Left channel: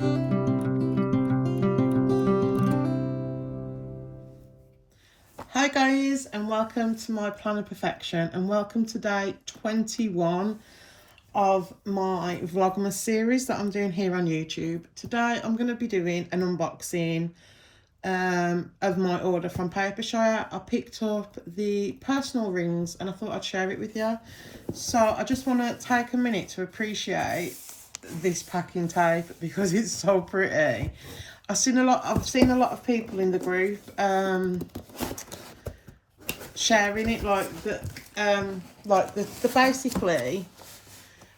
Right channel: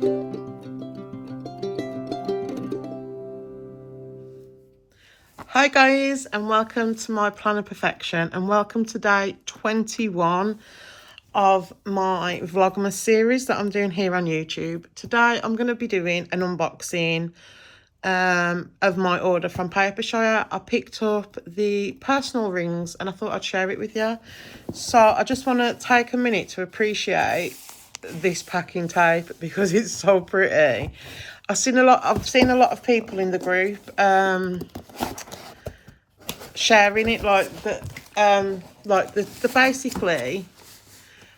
Hi guys, and welcome to my Plan of Perfection, and welcome to day 21 of my Vlogmas series that I'm doing here on YouTube. Today I'm going to be doing an unboxing of my order from Papershire. I picked up the personal rings and I thought I'd share it with you. So I just want to take a minute to appreciate this packing tape because it's so pretty. I've seen a lot of people in the group sharing it, like the basically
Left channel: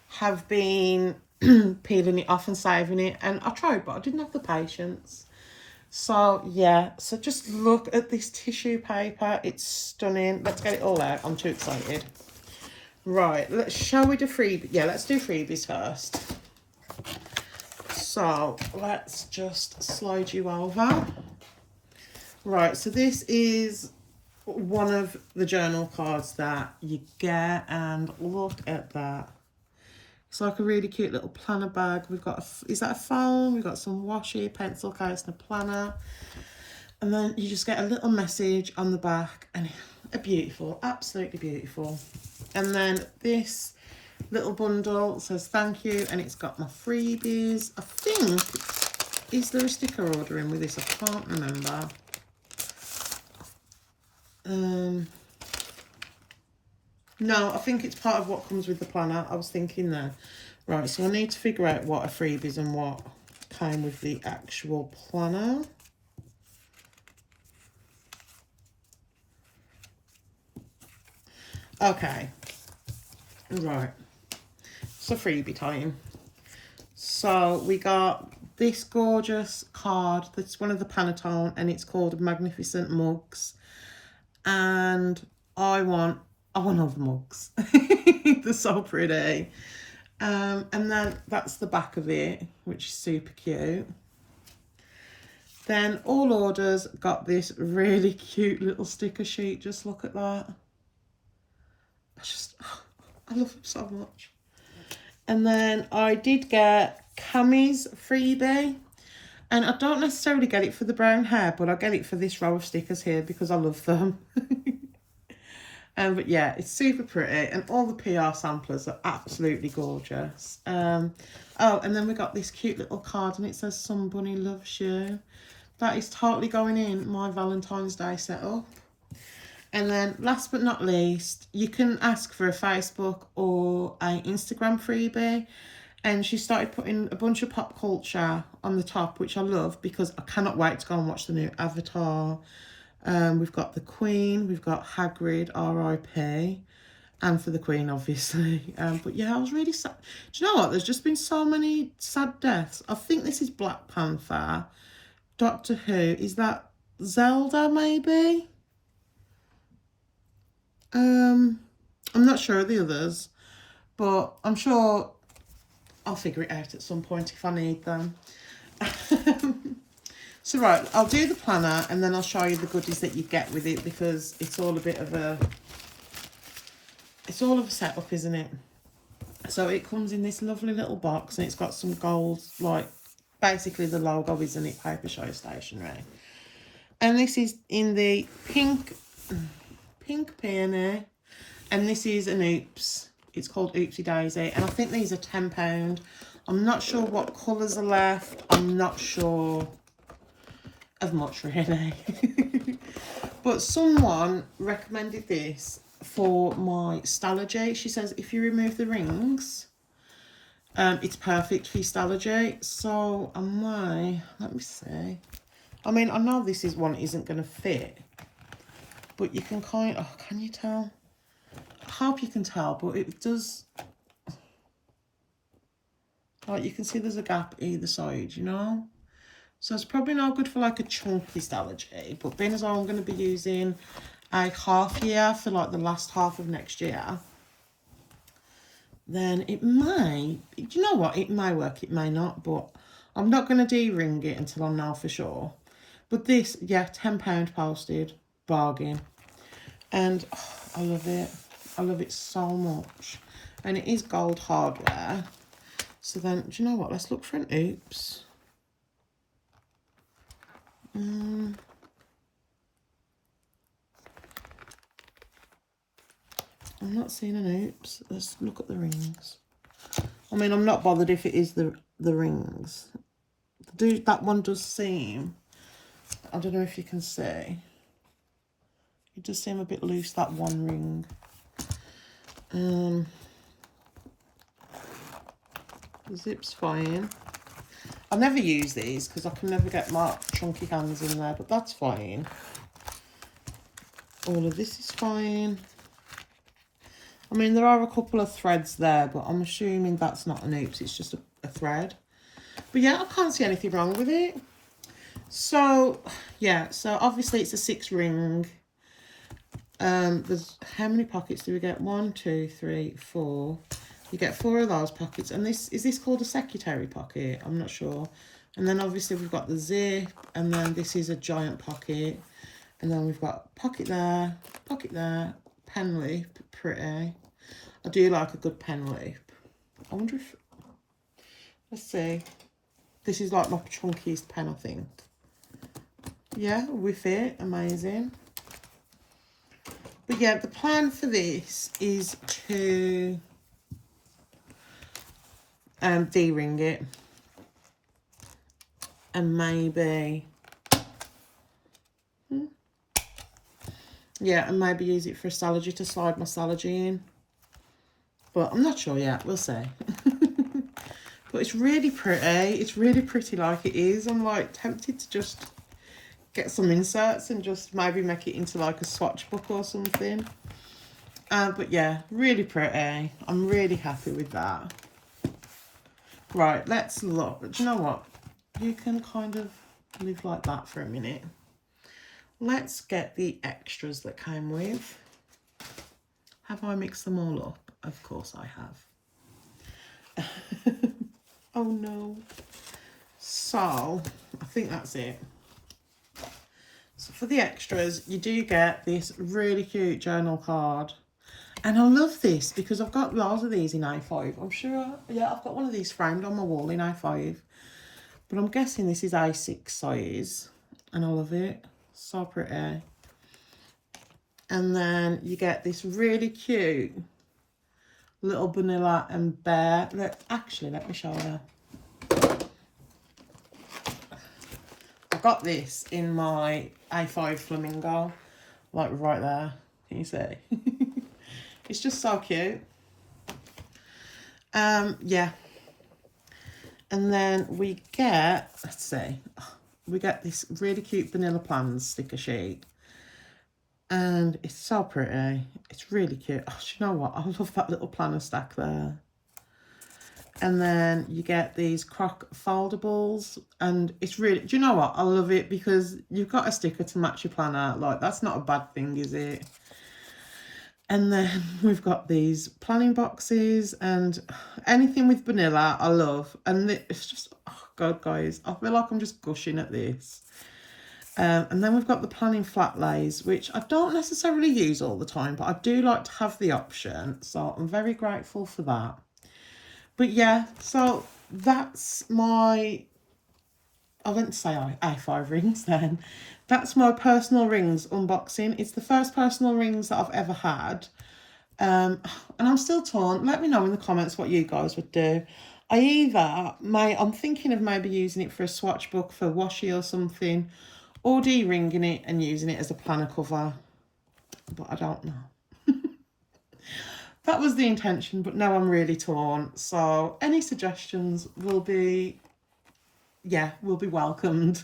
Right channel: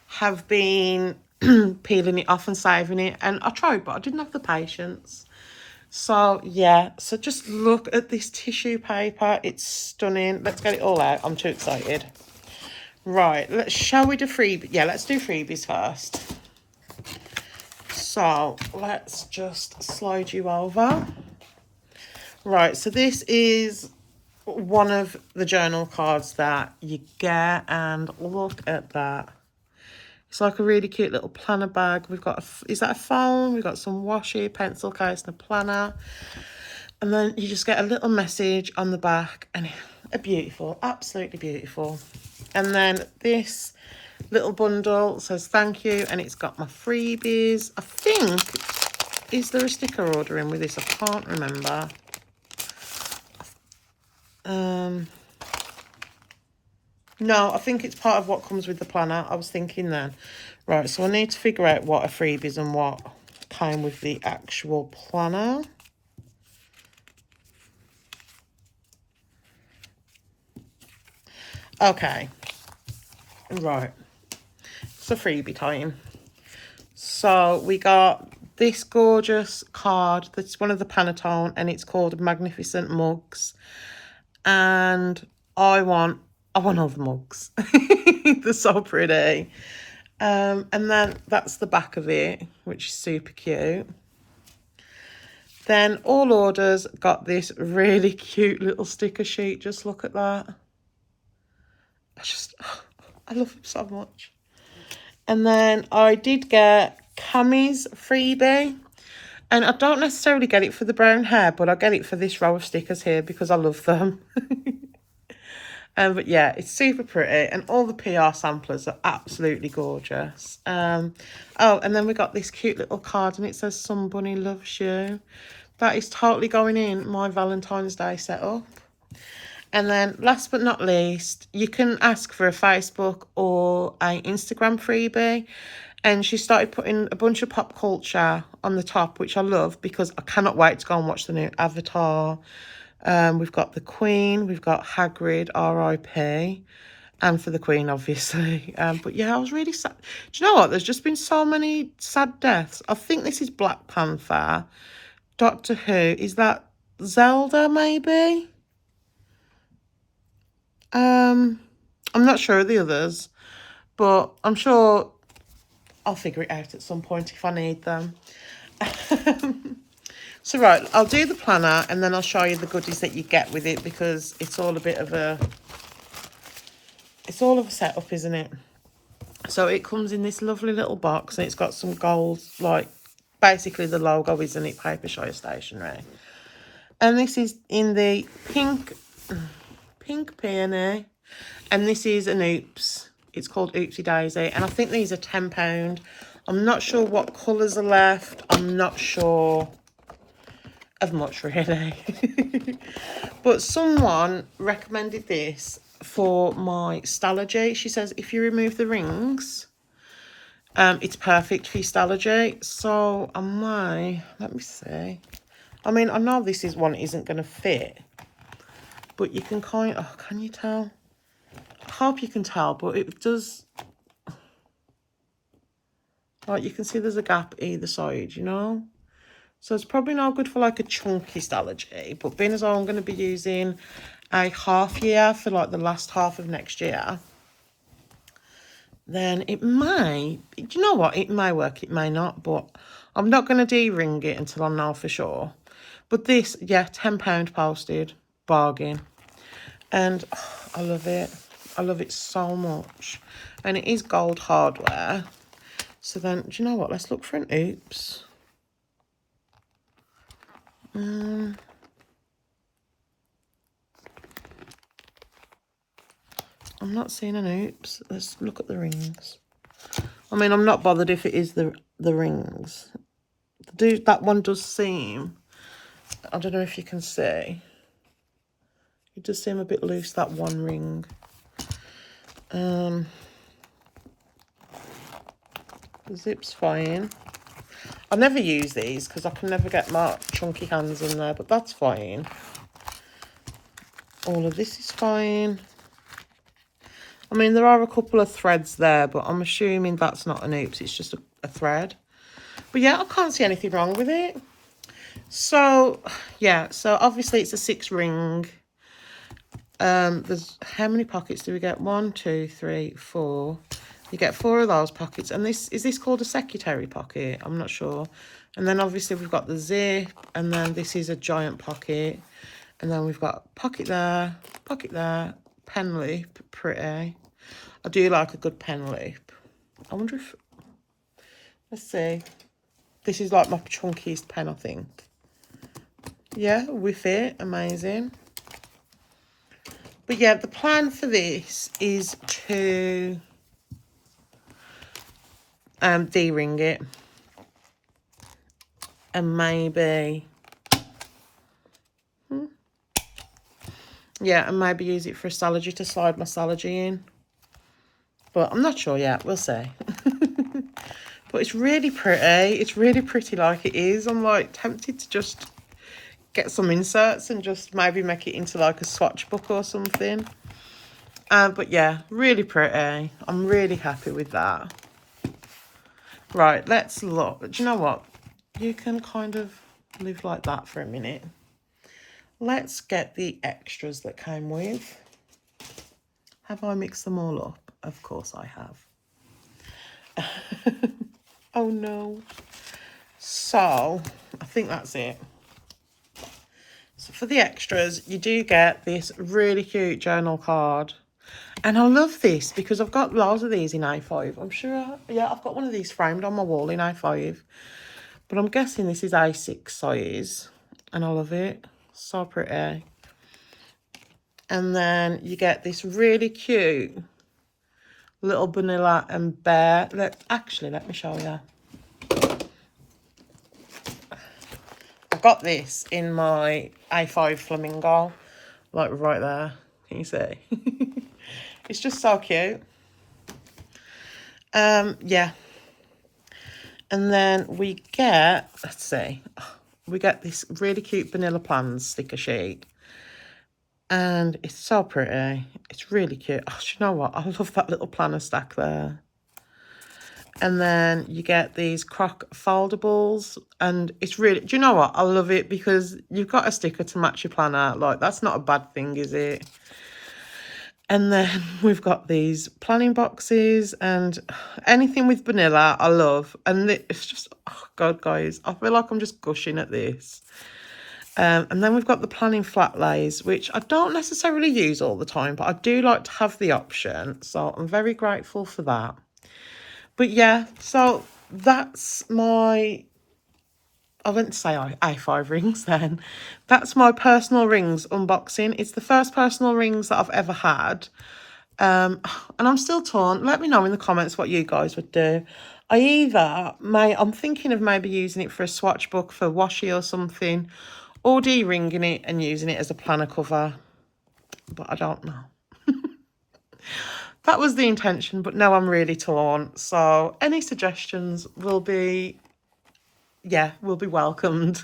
have been peeling it off and saving it, and I tried but I didn't have the patience. So yeah, so just look at this tissue paper, it's stunning. Let's get it all out. I'm too excited. Right, shall we do freebies? Yeah, let's do freebies first. So let's just slide you over. Right, so this is one of the journal cards that you get, and look at that. It's like a really cute little planner bag. We've got is that a phone? We've got some washi, pencil case, and a planner. And then you just get a little message on the back, and beautiful, absolutely beautiful. And then this little bundle says thank you, and it's got my freebies. I think, is there a sticker order in with this? I can't remember. No, I think it's part of what comes with the planner. I was thinking then. Right, so I need to figure out what are freebies and what came with the actual planner. Okay. Right. So freebie time. So we got this gorgeous card that's one of the Panettone, and it's called Magnificent Mugs. And I want all the mugs. They're so pretty. And then that's the back of it, which is super cute. Then all orders got this really cute little sticker sheet. Just look at that. I love them so much. And then I did get Cammy's freebie. And I don't necessarily get it for the brown hair, but I get it for this row of stickers here because I love them. But yeah, it's super pretty, and all the PR samplers are absolutely gorgeous. Oh, and then we got this cute little card, and it says "Somebody loves you." That is totally going in my Valentine's Day setup. And then last but not least, you can ask for a Facebook or an Instagram freebie. And she started putting a bunch of pop culture on the top, which I love because I cannot wait to go and watch the new Avatar. We've got the Queen, we've got Hagrid, R.I.P. And for the Queen, obviously. But yeah, I was really sad. Do you know what? There's just been so many sad deaths. I think this is Black Panther. Doctor Who. Is that Zelda, maybe? I'm not sure of the others. But I'm sure I'll figure it out at some point if I need them. So right, I'll do the planner and then I'll show you the goodies that you get with it, because it's all a bit of a setup, isn't it? So it comes in this lovely little box, and it's got some gold, like basically the logo, isn't it? Papershire stationery. And this is in the pink peony, and this is an Oops. It's called Oopsie Daisy, and I think these are £10. I'm not sure what colours are left. I'm not sure of much, really. But someone recommended this for my Stalogy. She says if you remove the rings, it's perfect for your Stalogy. So I might, let me see. I mean, I know this is one isn't going to fit, but you can kind of, can you tell? I hope you can tell, but it does. Like, you can see there's a gap either side, you know? So it's probably not good for like a chunky Stalogy, but being as I'm going to be using a half year for like the last half of next year, then it may, do you know what? It may work, it may not, but I'm not going to de-ring it until I know for sure. But this, yeah, £10 posted, bargain. And oh, I love it. I love it so much. And it is gold hardware. So then, do you know what? Let's look for an Oops. I'm not seeing an oops. Let's look at the rings. I mean, I'm not bothered if it is the rings. That one does seem, I don't know if you can see, it does seem a bit loose, that one ring. The zip's fine. I never use these because I can never get my chunky hands in there, but that's fine. All of this is fine. I mean, there are a couple of threads there, but I'm assuming that's not an oops, it's just a thread. But yeah, I can't see anything wrong with it. So, yeah, so obviously it's a 6 ring. There's, how many pockets do we get? 1, 2, 3, 4. You get 4 of those pockets. And this, is this called a secretary pocket? I'm not sure. And then obviously we've got the zip, and then this is a giant pocket. And then we've got pocket there, pen loop, pretty. I do like a good pen loop. I wonder if, let's see. This is like my chunkiest pen, I think. Yeah, we fit, amazing. But yeah, the plan for this is to D-ring it. And maybe, yeah, and maybe use it for a Stalogy to slide my Stalogy in. But I'm not sure yet, we'll see. But it's really pretty. It's really pretty like it is. I'm like tempted to just get some inserts and just maybe make it into like a swatch book or something. But yeah, really pretty. I'm really happy with that. Right, let's look. Do you know what? You can kind of live like that for a minute. Let's get the extras that came with. Have I mixed them all up? Of course I have. Oh no. So, I think that's it. So for the extras, you do get this really cute journal card. And I love this because I've got loads of these in A5. I'm sure, yeah, I've got one of these framed on my wall in A5. But I'm guessing this is A6 size. And I love it. So pretty. And then you get this really cute little vanilla and bear. Let me show you. I got this in my A5 flamingo, like right there. Can you see? It's just so cute. Yeah. And then we get, let's see, we get this really cute vanilla plans sticker sheet. And it's so pretty. It's really cute. Oh, do you know what? I love that little planner stack there. And then you get these croc foldables. And it's really, do you know what? I love it because you've got a sticker to match your planner. Like, that's not a bad thing, is it? And then we've got these planning boxes and anything with vanilla, I love. And it's just, oh God, guys, I feel like I'm just gushing at this. And then we've got the planning flat lays, which I don't necessarily use all the time, but I do like to have the option. So I'm very grateful for that. But yeah, so that's my, I went to say A5 rings then. That's my personal rings unboxing. It's the first personal rings that I've ever had. And I'm still torn. Let me know in the comments what you guys would do. I'm thinking of maybe using it for a swatch book for washi or something. Or D-ringing it and using it as a planner cover. But I don't know. That was the intention, but now I'm really torn. So any suggestions will be welcomed.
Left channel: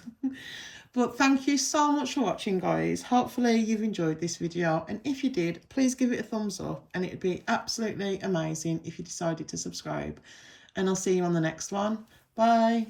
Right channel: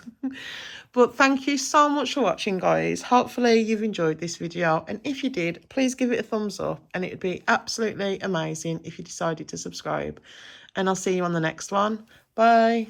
But thank you so much for watching, guys. Hopefully you've enjoyed this video. And if you did, please give it a thumbs up. And it would be absolutely amazing if you decided to subscribe. And I'll see you on the next one. Bye.